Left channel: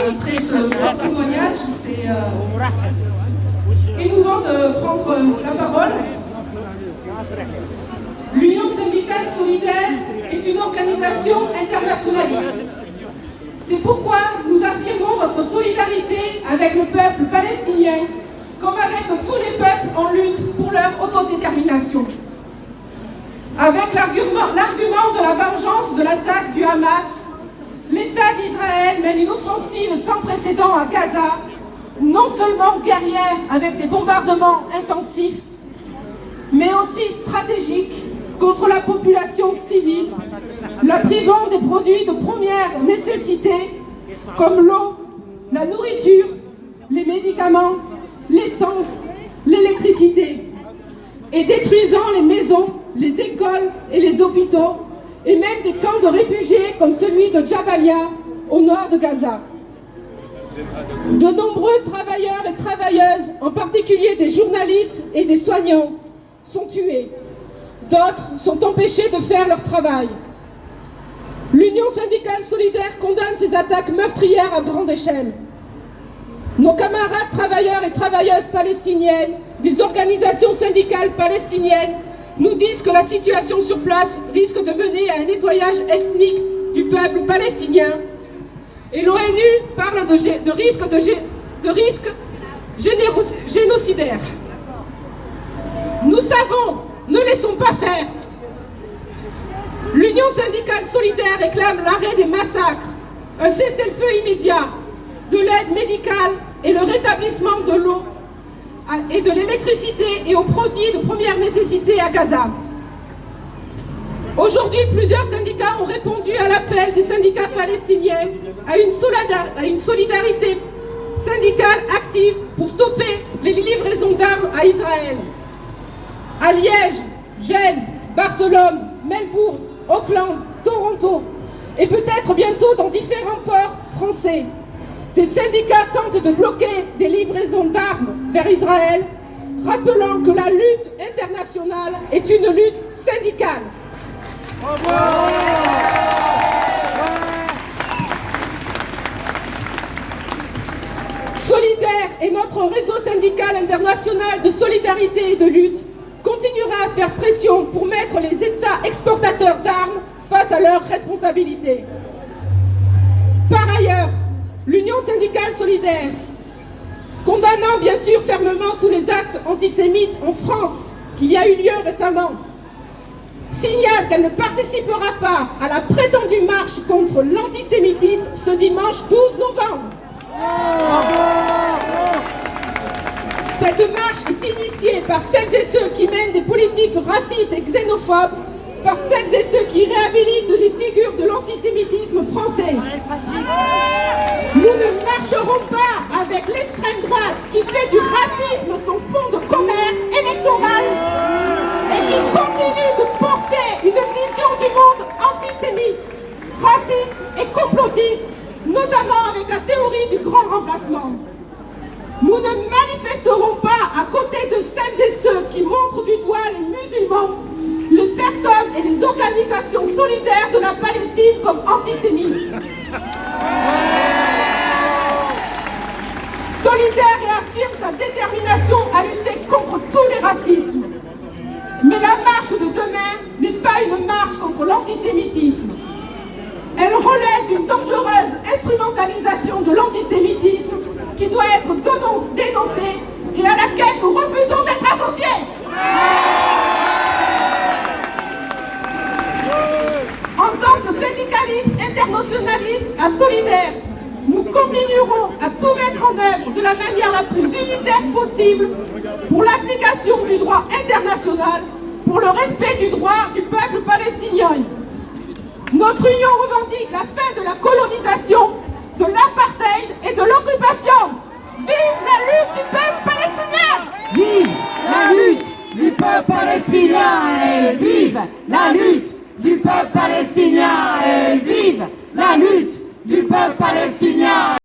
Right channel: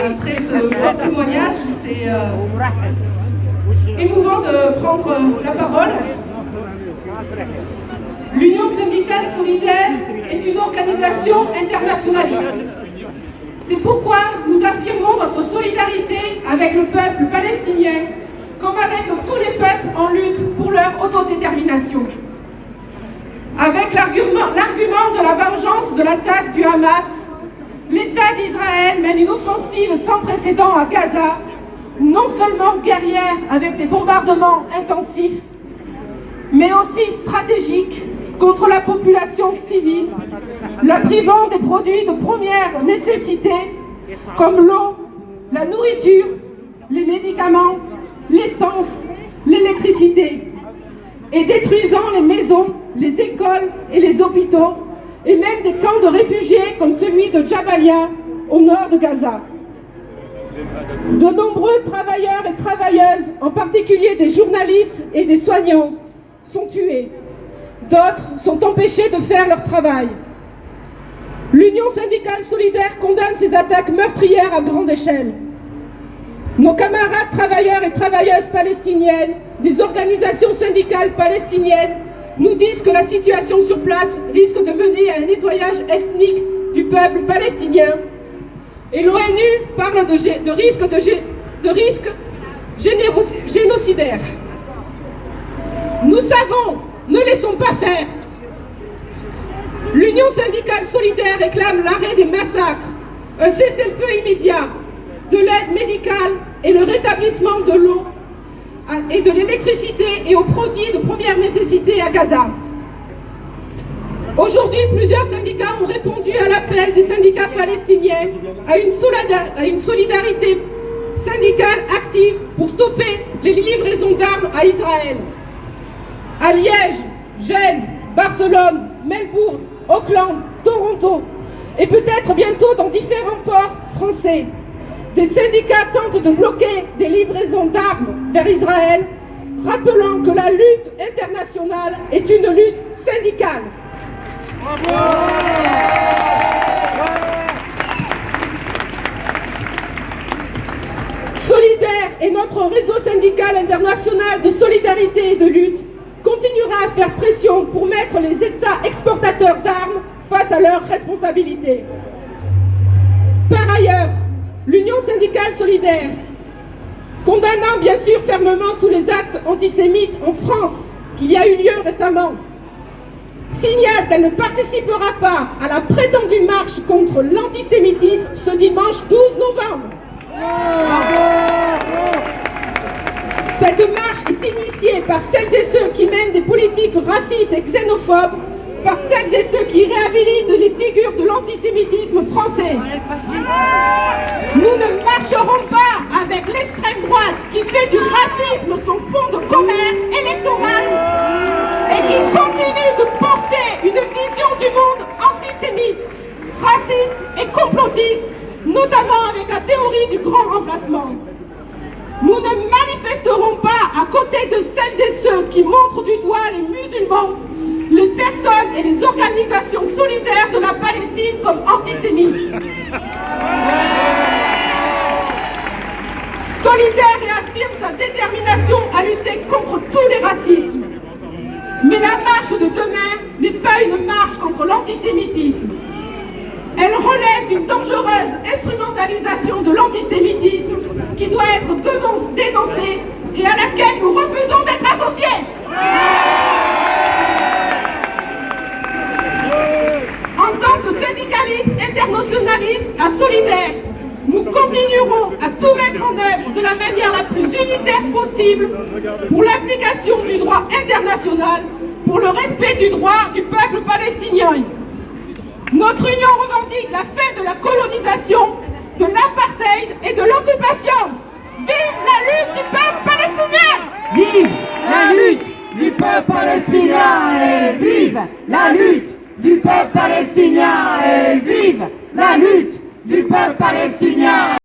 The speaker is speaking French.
Après ce fort témoignage, c'est émouvant de prendre la parole. L'Union syndicale solidaire est une organisation internationaliste. C'est pourquoi nous affirmons notre solidarité avec le peuple palestinien, comme avec tous les peuples en lutte pour leur autodétermination. Avec l'argument de la vengeance de l'attaque du Hamas, l'État d'Israël mène une offensive sans précédent à Gaza, non seulement guerrière avec des bombardements intensifs, mais aussi stratégique contre la population civile, la privant des produits de première nécessité comme l'eau, la nourriture, les médicaments, l'essence, l'électricité, et détruisant les maisons, les écoles et les hôpitaux, et même des camps de réfugiés comme celui de Jabalia au nord de Gaza. De nombreux travailleurs et travailleuses, en particulier des journalistes et des soignants, sont tués. D'autres sont empêchés de faire leur travail. L'Union syndicale solidaire condamne ces attaques meurtrières à grande échelle. Nos camarades travailleurs et travailleuses palestiniennes, des organisations syndicales palestiniennes, nous disent que la situation sur place risque de mener à un nettoyage ethnique du peuple palestinien. Et l'ONU parle de risque génocidaire. Nous savons, ne laissons pas faire. L'Union syndicale solidaire réclame l'arrêt des massacres, un cessez-le-feu immédiat, de l'aide médicale et le rétablissement de l'eau et de l'électricité et aux produits de première nécessité à Gaza. Aujourd'hui, plusieurs syndicats ont répondu à l'appel des syndicats palestiniens à une solidarité syndicale active pour stopper les livraisons d'armes à Israël. À Liège, Gênes, Barcelone, Melbourne, Auckland, Toronto et peut-être bientôt dans différents ports français, des syndicats tentent de bloquer des livraisons d'armes vers Israël, rappelant que la lutte internationale est une lutte syndicale. Solidaire et notre réseau syndical international de solidarité et de lutte continuera à faire pression pour mettre les États exportateurs d'armes face à leurs responsabilités. Par ailleurs, l'Union syndicale solidaire, condamnant bien sûr fermement tous les actes antisémites en France qu'il y a eu lieu récemment, signale qu'elle ne participera pas à la prétendue marche contre l'antisémitisme ce dimanche 12 novembre. Cette marche est initiée par celles et ceux qui mènent des politiques racistes et xénophobes, par celles et ceux qui réhabilitent les figures de l'antisémitisme français. Nous ne marcherons pas avec l'extrême droite qui fait du racisme son fonds de commerce électoral et qui continue de porter une vision du monde antisémite, raciste et complotiste, notamment avec la théorie du grand remplacement. Nous ne manifesterons pas à côté de celles et ceux qui montrent du doigt les musulmans, les personnes et les organisations solidaires de la Palestine comme antisémites. Solidaire et affirme sa détermination à lutter contre tous les racismes. Mais la marche de demain n'est pas une marche contre l'antisémitisme. Elle relève d'une dangereuse instrumentalisation de l'antisémitisme qui doit être dénoncée et à laquelle nous refusons d'être associés. En tant que syndicalistes internationalistes à Solidaire, nous continuerons à tout mettre en œuvre de la manière la plus unitaire possible pour l'application du droit international, pour le respect du droit du peuple palestinien. Notre union revendique la fin de la colonisation, de l'apartheid et de l'occupation. Vive la lutte du peuple palestinien! Vive la lutte du peuple palestinien et vive la lutte du peuple palestinien et vive la lutte du peuple palestinien!